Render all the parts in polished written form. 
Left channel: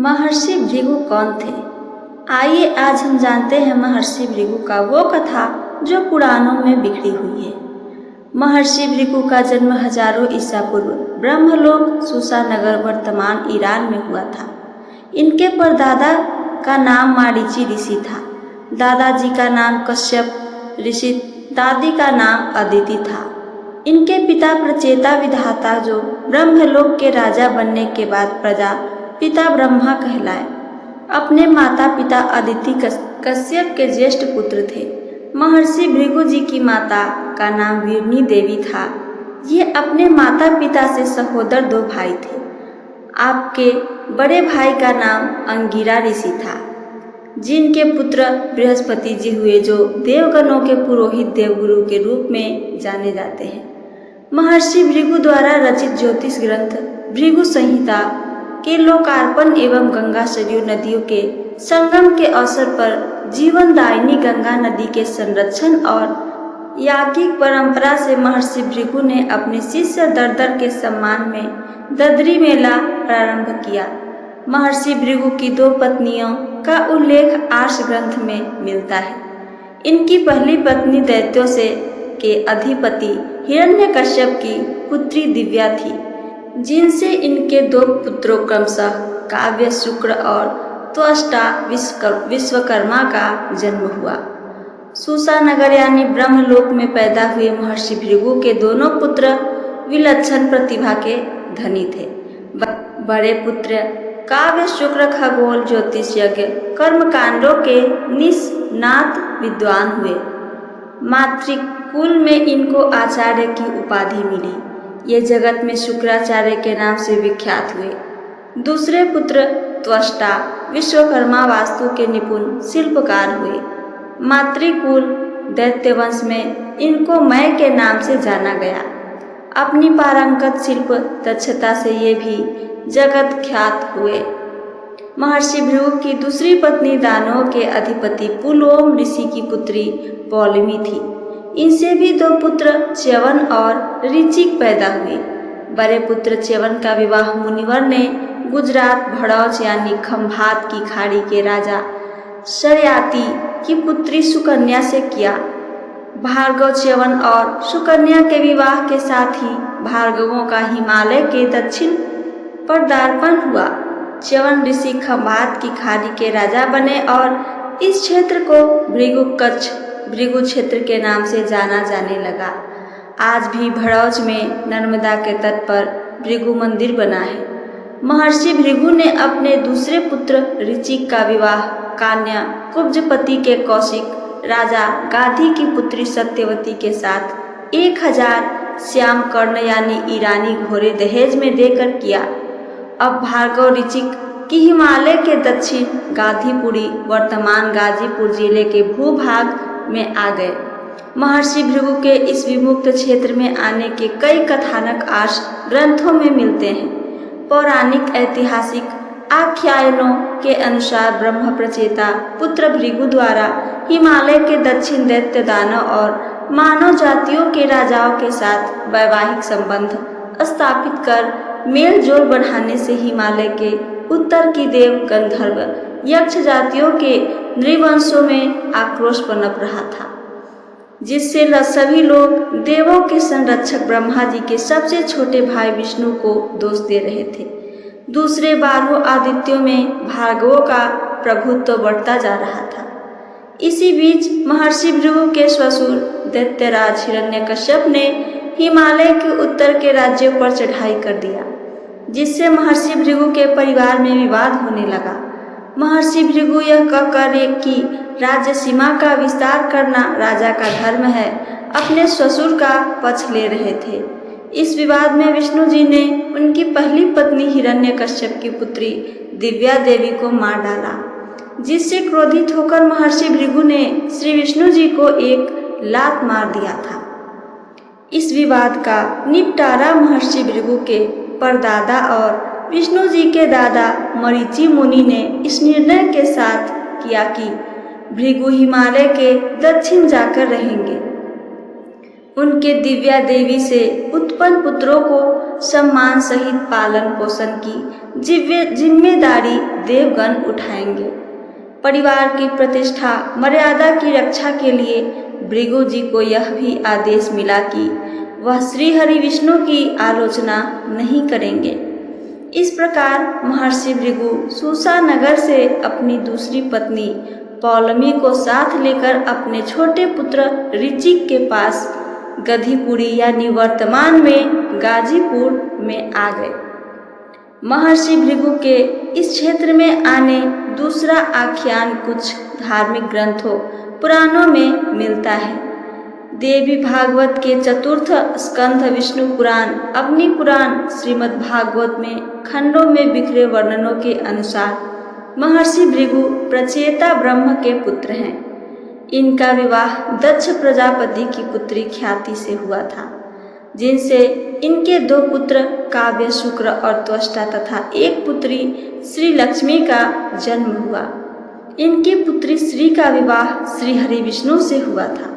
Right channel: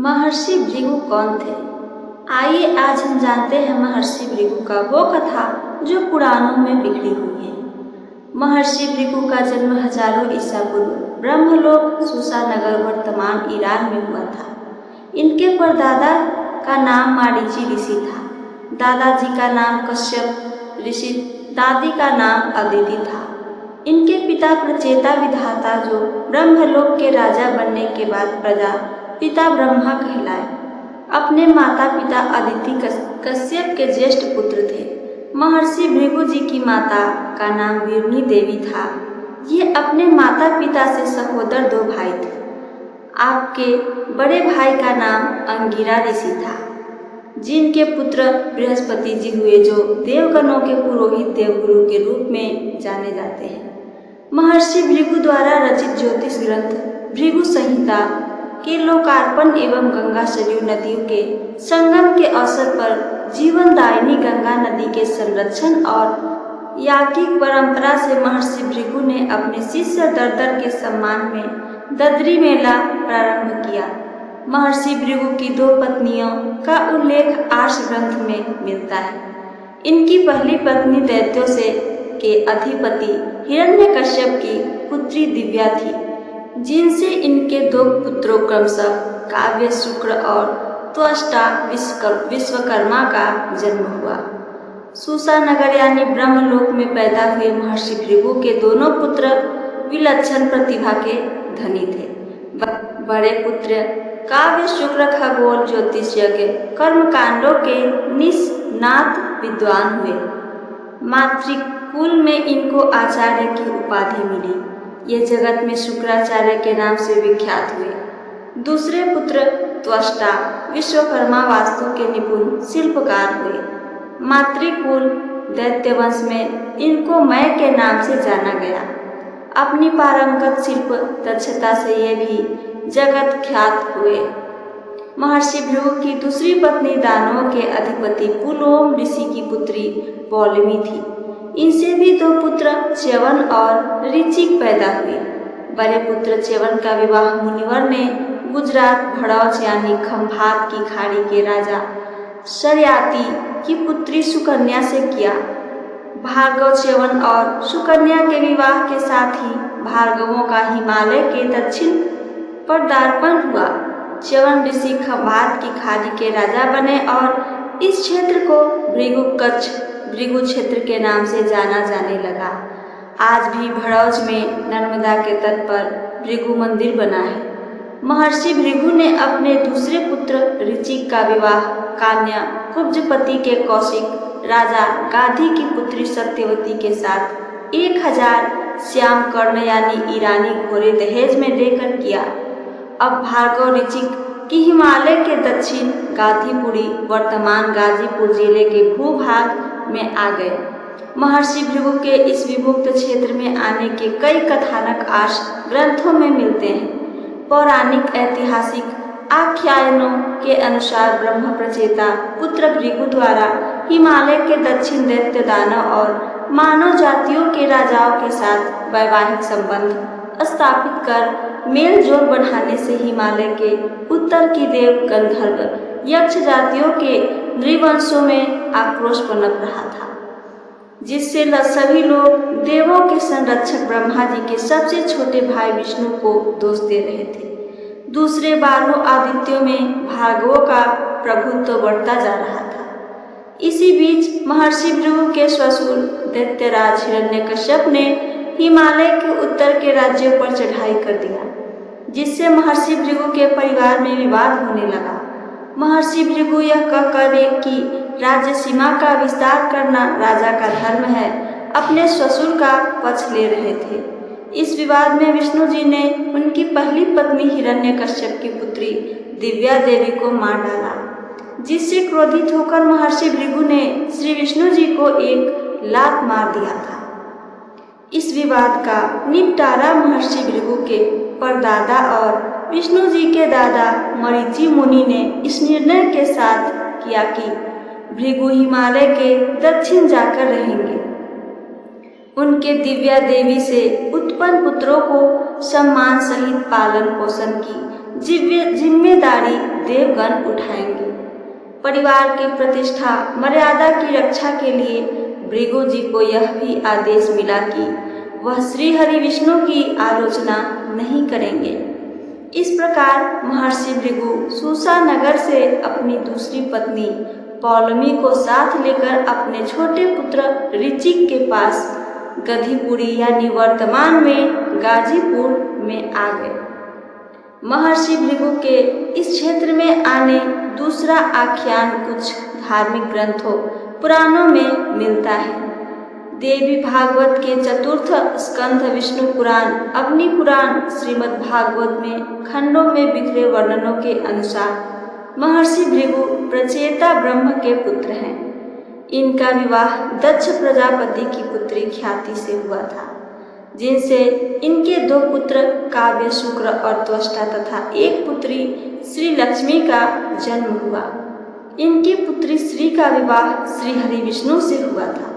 महर्षि भृगु कौन थे? आइए आज हम जानते हैं महर्षि भृगु का वो कथा जो पुराणों में बिखरी हुई है। महर्षि भृगु का जन्म हजारों ईसा पूर्व ब्रह्मलोक सूसा नगर वर्तमान ईरान में हुआ था। इनके परदादा का नाम मारीची ऋषि था, दादाजी का नाम कश्यप ऋषि, दादी का नाम अदिति था। इनके पिता प्रचेता विधाता जो ब्रह्मलोक के राजा बनने के बाद प्रजा पिता ब्रह्मा कहलाए। अपने माता पिता अदिति कश्यप के ज्येष्ठ पुत्र थे। महर्षि भृगु जी की माता का नाम वीरनी देवी था। ये अपने माता पिता से सहोदर दो भाई थे। आपके बड़े भाई का नाम अंगिरा ऋषि था, जिनके पुत्र बृहस्पति जी हुए, जो देवगणों के पुरोहित देवगुरु के रूप में जाने जाते हैं। महर्षि भृगु द्वारा रचित ज्योतिष ग्रंथ भृगु संहिता के लोकार्पण एवं गंगा सरयू नदियों के संगम के अवसर पर जीवनदायिनी गंगा नदी के संरक्षण और याज्ञिक परंपरा से महर्षि भृगु ने अपने शिष्य दर्दर के सम्मान में ददरी मेला प्रारंभ किया। महर्षि भृगु की दो पत्नियों का उल्लेख आर्ष ग्रंथ में मिलता है। इनकी पहली पत्नी दैत्यों से के अधिपति हिरण्यकश्यप की पुत्री दिव्या थी, जिनसे इनके दो पुत्रों क्रमशः काव्य, शुक्र और त्वष्टा विश्वकर्मा का जन्म हुआ। सूसा नगर यानी ब्रह्मलोक में पैदा हुए महर्षि भृगु के दोनों पुत्र विलक्षण प्रतिभा के धनी थे। बड़े पुत्र काव्य, शुक्र खगोल, ज्योतिष, यज्ञ, कर्मकांडों के निष्णात विद्वान हुए। मातृकुल में इनको आचार्य की उपाधि मिली। ये जगत में शुक्राचार्य के नाम से विख्यात हुए। दूसरे पुत्र त्वष्टा विश्वकर्मा वास्तु के निपुण शिल्पकार हुए। मातृकुल दैत्य वंश में इनको मय के नाम से जाना गया। अपनी पारंगत शिल्प दक्षता से ये भी जगत ख्यात हुए। महर्षि भृगु की दूसरी पत्नी दानवों के अधिपति पुलोम ऋषि की पुत्री पौलमी थी। इनसे भी दो पुत्र च्यवन और ऋचिक पैदा हुए। बड़े पुत्र च्यवन का विवाह मुनिवर ने गुजरात भड़ौच यानी खंभात की खाड़ी के राजा शर्याती की पुत्री सुकन्या से किया। भार्गव च्यवन और सुकन्या के विवाह के साथ ही भार्गवों का हिमालय के दक्षिण पदार्पण हुआ। च्यवन ऋषि खंभात की खाड़ी के राजा बने और इस क्षेत्र को भृगु क्षेत्र के नाम से जाना जाने लगा। आज भी भड़ौच में नर्मदा के तट पर भृगु मंदिर बना है। महर्षि भृगु ने अपने दूसरे पुत्र ऋचिक का विवाह कन्या कुब्जपति के कौशिक राजा गाधी की पुत्री सत्यवती के साथ 1000 श्याम कर्ण यानी ईरानी घोड़े दहेज में देकर किया। अब भार्गव ऋचिक की हिमालय के दक्षिण गाधीपुरी वर्तमान गाजीपुर जिले के भूभाग में आ गए। महर्षि भृगु के इस विमुक्त क्षेत्र में आने के कई कथानक आर्ष ग्रंथों में मिलते हैं। पौराणिक ऐतिहासिक आख्यानों के अनुसार ब्रह्म प्रचेता पुत्र भृगु द्वारा हिमालय के दक्षिण दैत्य, दानव और मानव जातियों के राजाओं के साथ वैवाहिक संबंध स्थापित कर मेल जोल बढ़ाने से हिमालय के उत्तर की देव, गंधर्व, यक्ष जातियों के नृवंशों में आक्रोश पनप रहा था, जिससे सभी लोग देवों के संरक्षक ब्रह्मा जी के सबसे छोटे भाई विष्णु को दोष दे रहे थे। दूसरे 12 आदित्यों में भार्गवों का प्रभुत्व बढ़ता जा रहा था। इसी बीच महर्षि भृगु के ससुर दैत्यराज हिरण्यकश्यप ने हिमालय के उत्तर के राज्यों पर चढ़ाई कर दिया, जिससे महर्षि भृगु के परिवार में विवाद होने लगा। महर्षि भृगु यह कहकर कि राज्य सीमा का विस्तार करना राजा का धर्म है, अपने ससुर का पक्ष ले रहे थे। इस विवाद में विष्णु जी ने उनकी पहली पत्नी हिरण्यकश्यप की पुत्री दिव्या देवी को मार डाला, जिससे क्रोधित होकर महर्षि भृगु ने श्री विष्णु जी को एक लात मार दिया था। इस विवाद का निपटारा महर्षि भृगु के परदादा और विष्णु जी के दादा मरीचि मुनि ने इस निर्णय के साथ किया कि भृगु हिमालय के दक्षिण जाकर रहेंगे। उनके दिव्या देवी से उत्पन्न पुत्रों को सम्मान सहित पालन पोषण की जिम्मेदारी देवगण उठाएंगे। परिवार की प्रतिष्ठा मर्यादा की रक्षा के लिए भृगु जी को यह भी आदेश मिला कि वह श्री हरि विष्णु की आलोचना नहीं करेंगे। इस प्रकार महर्षि भृगु सूसा नगर से अपनी दूसरी पत्नी पौलमी को साथ लेकर अपने छोटे पुत्र ऋचिक के पास गधिपुरी यानी वर्तमान में गाजीपुर में आ गए। महर्षि भृगु के इस क्षेत्र में आने दूसरा आख्यान कुछ धार्मिक ग्रंथों पुराणों में मिलता है। देवी भागवत के चतुर्थ स्कंध विष्णु पुराण, अग्नि पुराण, श्रीमद् भागवत में खंडों में बिखरे वर्णनों के अनुसार महर्षि भृगु प्रचेता ब्रह्म के पुत्र हैं। इनका विवाह दक्ष प्रजापति की पुत्री ख्याति से हुआ था, जिनसे इनके 2 पुत्र काव्य, शुक्र और त्वष्टा तथा एक पुत्री श्री लक्ष्मी का जन्म हुआ। इनकी पुत्री श्री का विवाह श्री हरि विष्णु से हुआ था।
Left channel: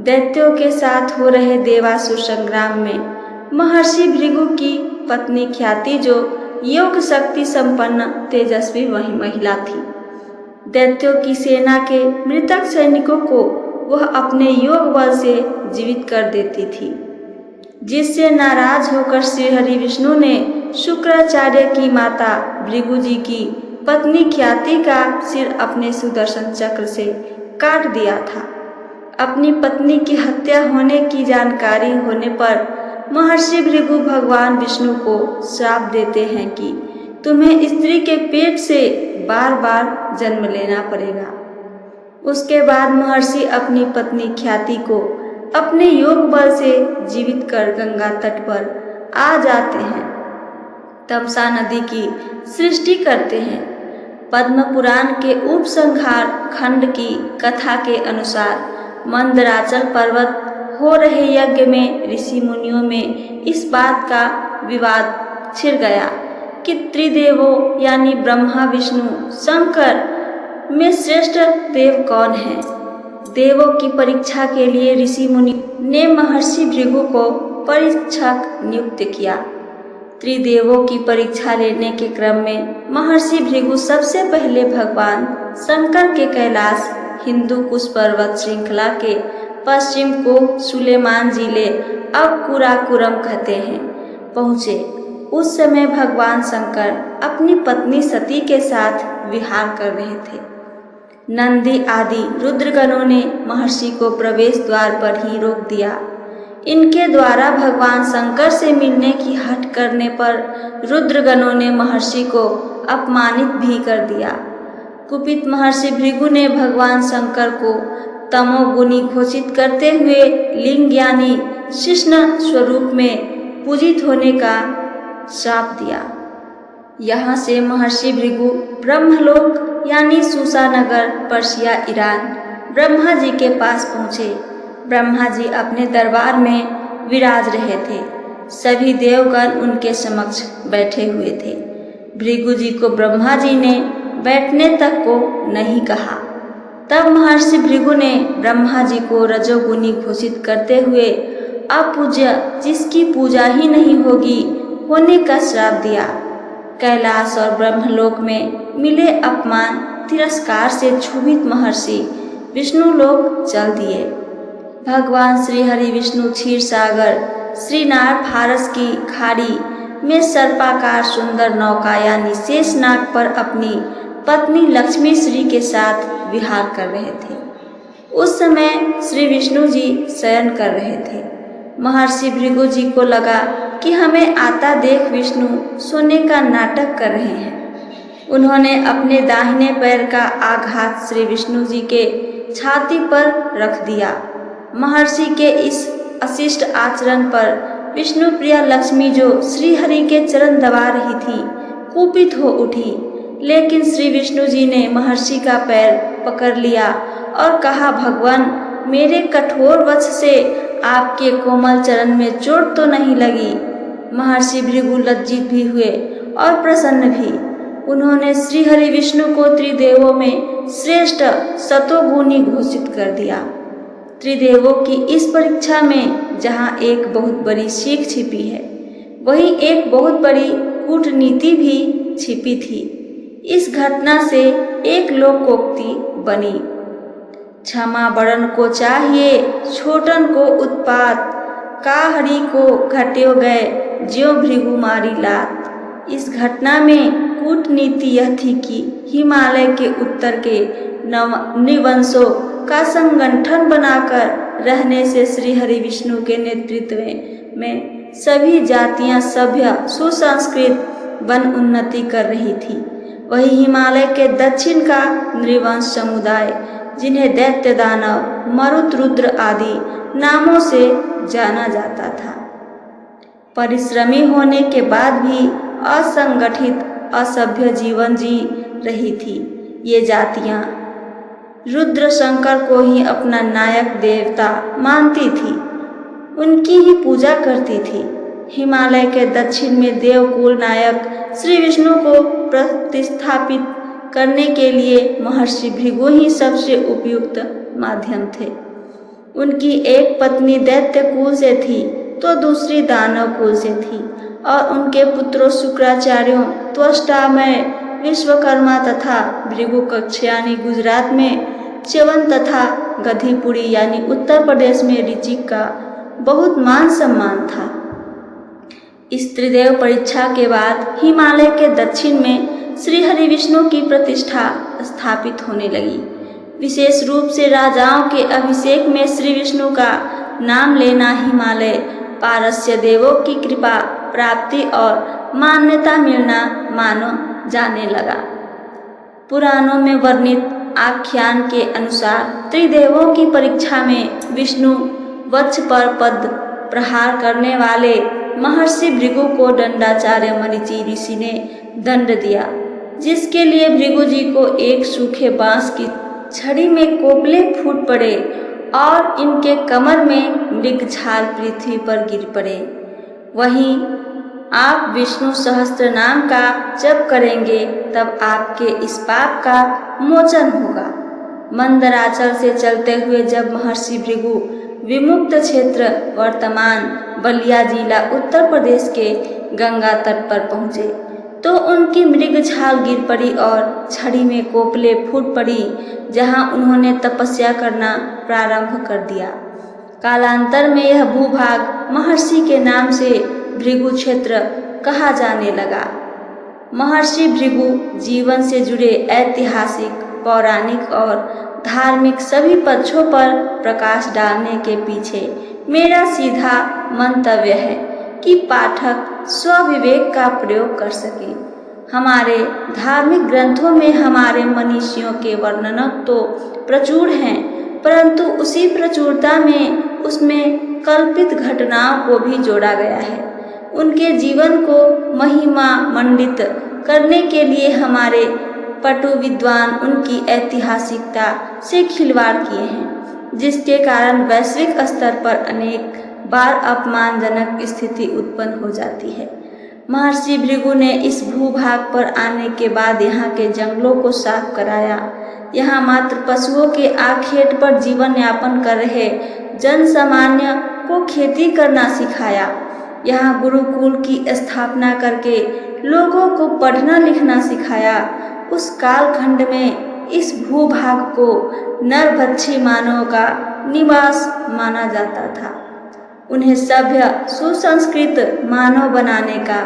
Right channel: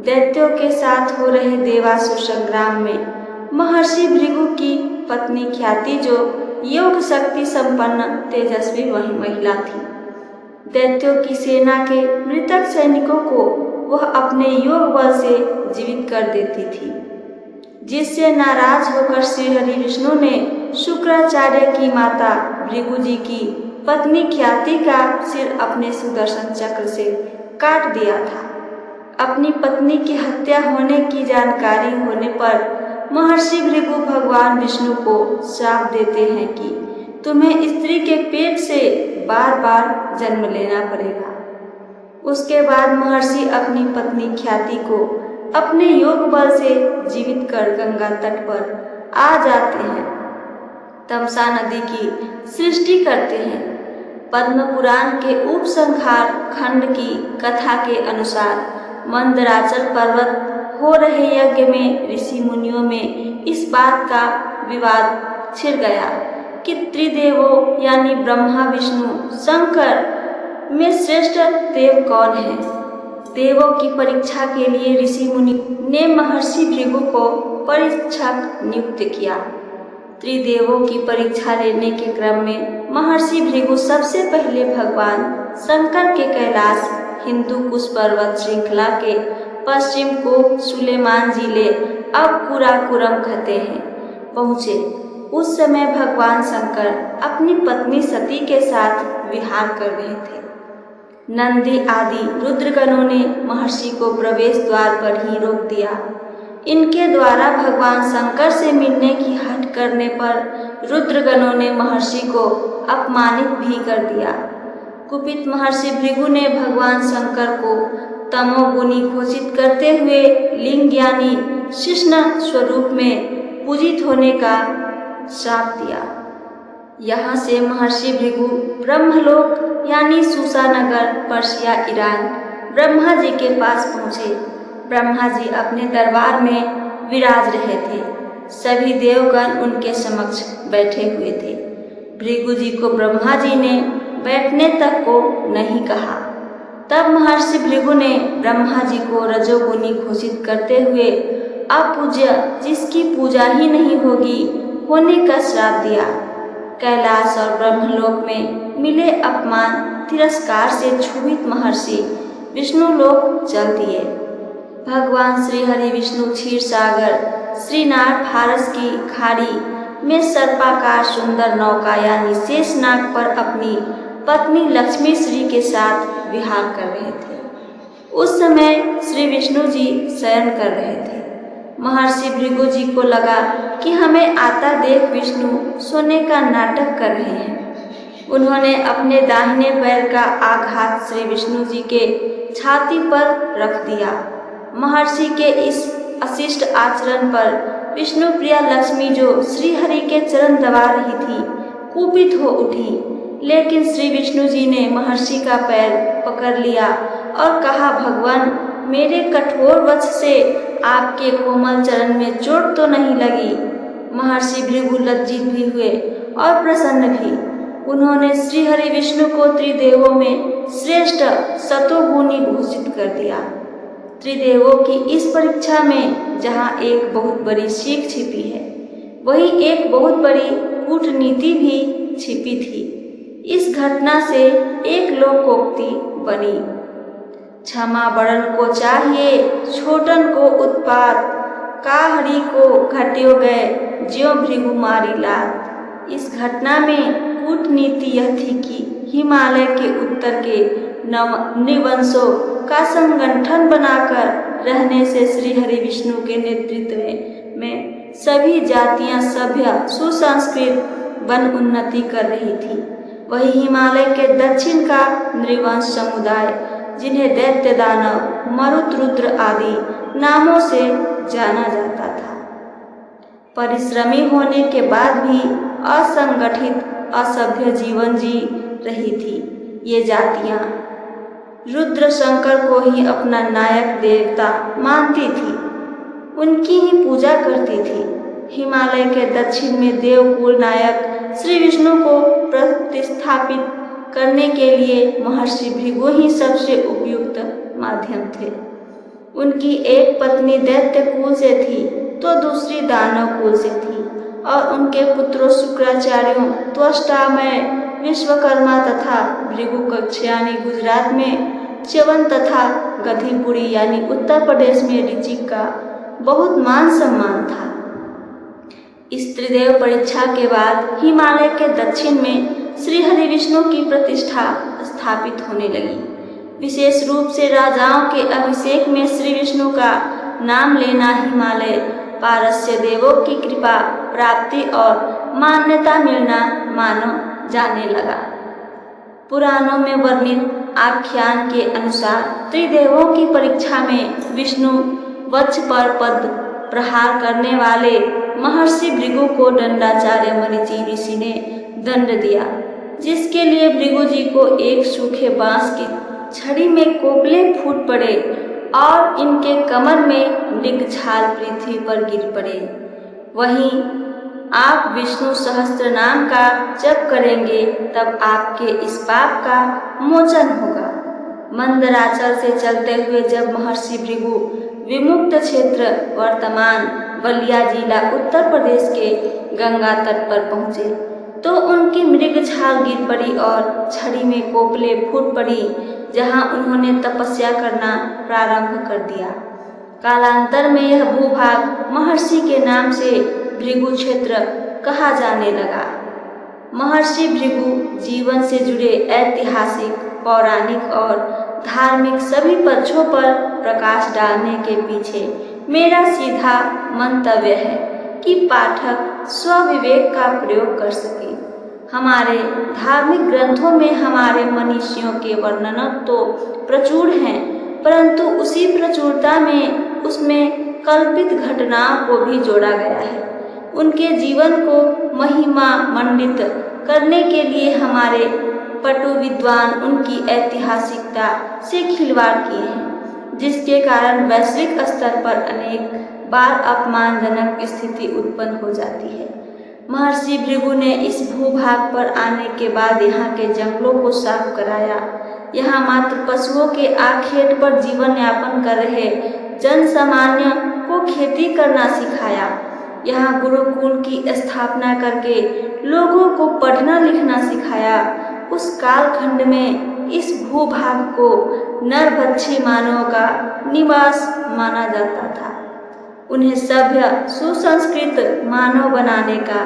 दैत्यों के साथ हो रहे देवासुर संग्राम में महर्षि भृगु की पत्नी ख्याति जो योग शक्ति संपन्न तेजस्वी वही महिला थी। दैत्यों की सेना के मृतक सैनिकों को वह अपने योग बल से जीवित कर देती थी, जिससे नाराज होकर श्री हरि विष्णु ने शुक्राचार्य की माता भृगु जी की पत्नी ख्याति का सिर अपने सुदर्शन चक्र से काट दिया था। अपनी पत्नी की हत्या होने की जानकारी होने पर महर्षि भृगु भगवान विष्णु को श्राप देते हैं कि तुम्हें स्त्री के पेट से बार बार जन्म लेना पड़ेगा। उसके बाद महर्षि अपनी पत्नी ख्याति को अपने योग बल से जीवित कर गंगा तट पर आ जाते हैं। तमसा नदी की सृष्टि करते हैं। पद्म पुराण के उपसंहार खंड की कथा के अनुसार मंदराचल पर्वत हो रहे यज्ञ में ऋषि मुनियों में इस बात का विवाद छिड़ गया कि त्रिदेवों यानी ब्रह्मा, विष्णु, शंकर में श्रेष्ठ देव कौन है। देवों की परीक्षा के लिए ऋषि मुनि ने महर्षि भृगु को परीक्षक नियुक्त किया। त्रिदेवों की परीक्षा लेने के क्रम में महर्षि भृगु सबसे पहले भगवान शंकर के कैलाश हिंदू कुश पर्वत श्रृंखला के पश्चिम को सुलेमान जिले अब कुराकुरम कहते हैं पहुँचे। उस समय भगवान शंकर अपनी पत्नी सती के साथ विहार कर रहे थे। नंदी आदि रुद्रगणों ने महर्षि को प्रवेश द्वार पर ही रोक दिया। इनके द्वारा भगवान शंकर से मिलने की हठ करने पर रुद्रगणों ने महर्षि को अपमानित भी कर दिया। कुपित महर्षि भृगु ने भगवान शंकर को तमोगुनी घोषित करते हुए लिंग यानी कृष्ण स्वरूप में पूजित होने का श्राप दिया। यहाँ से महर्षि भृगु ब्रह्मलोक यानी सूसानगर, पर्शिया, ईरान ब्रह्मा जी के पास पहुँचे। ब्रह्मा जी अपने दरबार में विराज रहे थे। सभी देवगण उनके समक्ष बैठे हुए थे। भृगु जी को ब्रह्मा जी ने बैठने तक को नहीं कहा। तब महर्षि भृगु ने ब्रह्मा जी को रजोगुनी घोषित करते हुए अपूज्य, जिसकी पूजा ही नहीं होगी, होने का श्राप दिया। कैलाश और ब्रह्मलोक में मिले अपमान तिरस्कार से क्षुभित महर्षि विष्णु लोक चल दिए। भगवान श्री हरि विष्णु क्षीर सागर श्रीनाथ फारस की खाड़ी में सर्पाकार सुंदर नौका यानी शेषनाग पर अपनी पत्नी लक्ष्मी श्री के साथ विहार कर रहे थे। उस समय श्री विष्णु जी शयन कर रहे थे। महर्षि भृगु जी को लगा कि हमें आता देख विष्णु सोने का नाटक कर रहे हैं। उन्होंने अपने दाहिने पैर का आघात श्री विष्णु जी के छाती पर रख दिया। महर्षि के इस अशिष्ट आचरण पर विष्णु प्रिया लक्ष्मी जो श्री हरि के चरण दबा रही थी कुपित हो उठी, लेकिन श्री विष्णु जी ने महर्षि का पैर पकड़ लिया और कहा, भगवान, मेरे कठोर वच से आपके कोमल चरण में चोट तो नहीं लगी। महर्षि भृगु लज्जित भी हुए और प्रसन्न भी। उन्होंने श्री हरि विष्णु को त्रिदेवों में श्रेष्ठ सतोगुणी घोषित कर दिया। त्रिदेवों की इस परीक्षा में जहाँ एक बहुत बड़ी सीख छिपी है, वहीं एक बहुत बड़ी कूटनीति भी छिपी थी। इस घटना से एक लोकोक्ति बनी, क्षमा बड़न को चाहिए छोटन को उत्पात, काहरी को घट्यो गए ज्यों भृगु मारी लात। इस घटना में कूटनीति यह थी कि हिमालय के उत्तर के निवंशों का संगठन बनाकर रहने से श्री हरि विष्णु के नेतृत्व में सभी जातियां सभ्य सुसंस्कृत बन उन्नति कर रही थी। वही हिमालय के दक्षिण का नृवंश समुदाय, जिन्हें दैत्य दानव मरुत रुद्र आदि नामों से जाना जाता था, परिश्रमी होने के बाद भी असंगठित असभ्य जीवन जी रही थी। ये जातियां रुद्र शंकर को ही अपना नायक देवता मानती थी, उनकी ही पूजा करती थी। हिमालय के दक्षिण में देवकुल नायक श्री विष्णु को प्रतिस्थापित करने के लिए महर्षि भृगु ही सबसे उपयुक्त माध्यम थे। उनकी एक पत्नी दैत्य कुल से थी तो दूसरी दानव कुल से थी और उनके पुत्रों शुक्राचार्यों, त्वष्टामय, विश्वकर्मा तथा भृगु कक्ष यानी गुजरात में च्यवन तथा गधीपुरी यानी उत्तर प्रदेश में ऋचिक का बहुत मान सम्मान था। इस त्रिदेव परीक्षा के बाद हिमालय के दक्षिण में श्री हरि विष्णु की प्रतिष्ठा स्थापित होने लगी। विशेष रूप से राजाओं के अभिषेक में श्री विष्णु का नाम लेना हिमालय पारस्य देवों की कृपा प्राप्ति और मान्यता मिलना मानो जाने लगा। पुराणों में वर्णित आख्यान के अनुसार त्रिदेवों की परीक्षा में विष्णु वक्ष पर पद प्रहार करने वाले महर्षि भृगु को दंडाचार्य मरीचि ऋषि ने दंड दिया, जिसके लिए भृगु जी को एक सूखे बांस की छड़ी में कोपले फूट पड़े और इनके कमर में मृग छाल पृथ्वी पर गिर पड़े। वहीं आप विष्णु सहस्त्र नाम का जप करेंगे तब आपके इस पाप का मोचन होगा। मंदराचल से चलते हुए जब महर्षि भृगु विमुक्त क्षेत्र वर्तमान बलिया जिला उत्तर प्रदेश के गंगा तट पर पहुँचे तो उनकी मृग छाल गिर पड़ी और छड़ी में कोपले फूट पड़ी, जहां उन्होंने तपस्या करना प्रारंभ कर दिया। कालांतर में यह भूभाग महर्षि के नाम से भृगु क्षेत्र कहा जाने लगा। महर्षि भृगु जीवन से जुड़े ऐतिहासिक, पौराणिक और धार्मिक सभी पक्षों पर प्रकाश डालने के पीछे मेरा सीधा मंतव्य है कि पाठक स्वविवेक का प्रयोग कर सके। हमारे धार्मिक ग्रंथों में हमारे मनीषियों के वर्णन तो प्रचुर हैं, परंतु उसी प्रचुरता में उसमें कल्पित घटनाओं को भी जोड़ा गया है। उनके जीवन को महिमा मंडित करने के लिए हमारे पटु विद्वान उनकी ऐतिहासिकता से खिलवाड़ किए हैं, जिसके कारण वैश्विक स्तर पर अनेक बार अपमानजनक स्थिति उत्पन्न हो जाती है। महर्षि भृगु ने इस भूभाग पर आने के बाद यहाँ के जंगलों को साफ कराया। यहाँ मात्र पशुओं के आखेट पर जीवन यापन कर रहे जन सामान्य को खेती करना सिखाया। यहाँ गुरुकुल की स्थापना करके लोगों को पढ़ना लिखना सिखाया। उस कालखंड में इस भूभाग को नरभक्षी मानवों का निवास माना जाता था। उन्हें सभ्य सुसंस्कृत मानव बनाने का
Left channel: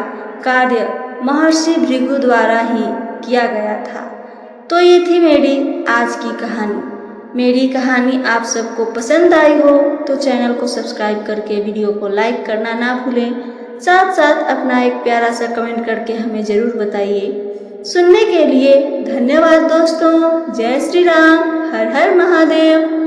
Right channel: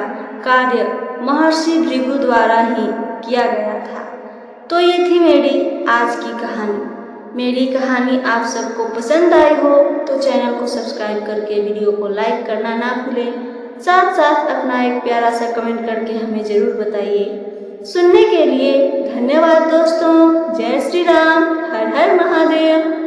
कार्य महर्षि भृगु द्वारा ही किया गया था। तो ये थी मेरी आज की कहानी। मेरी कहानी आप सबको पसंद आई हो तो चैनल को सब्सक्राइब करके वीडियो को लाइक करना ना भूलें। साथ साथ अपना एक प्यारा सा कमेंट करके हमें ज़रूर बताइए। सुनने के लिए धन्यवाद दोस्तों। जय श्री राम। हर हर महादेव।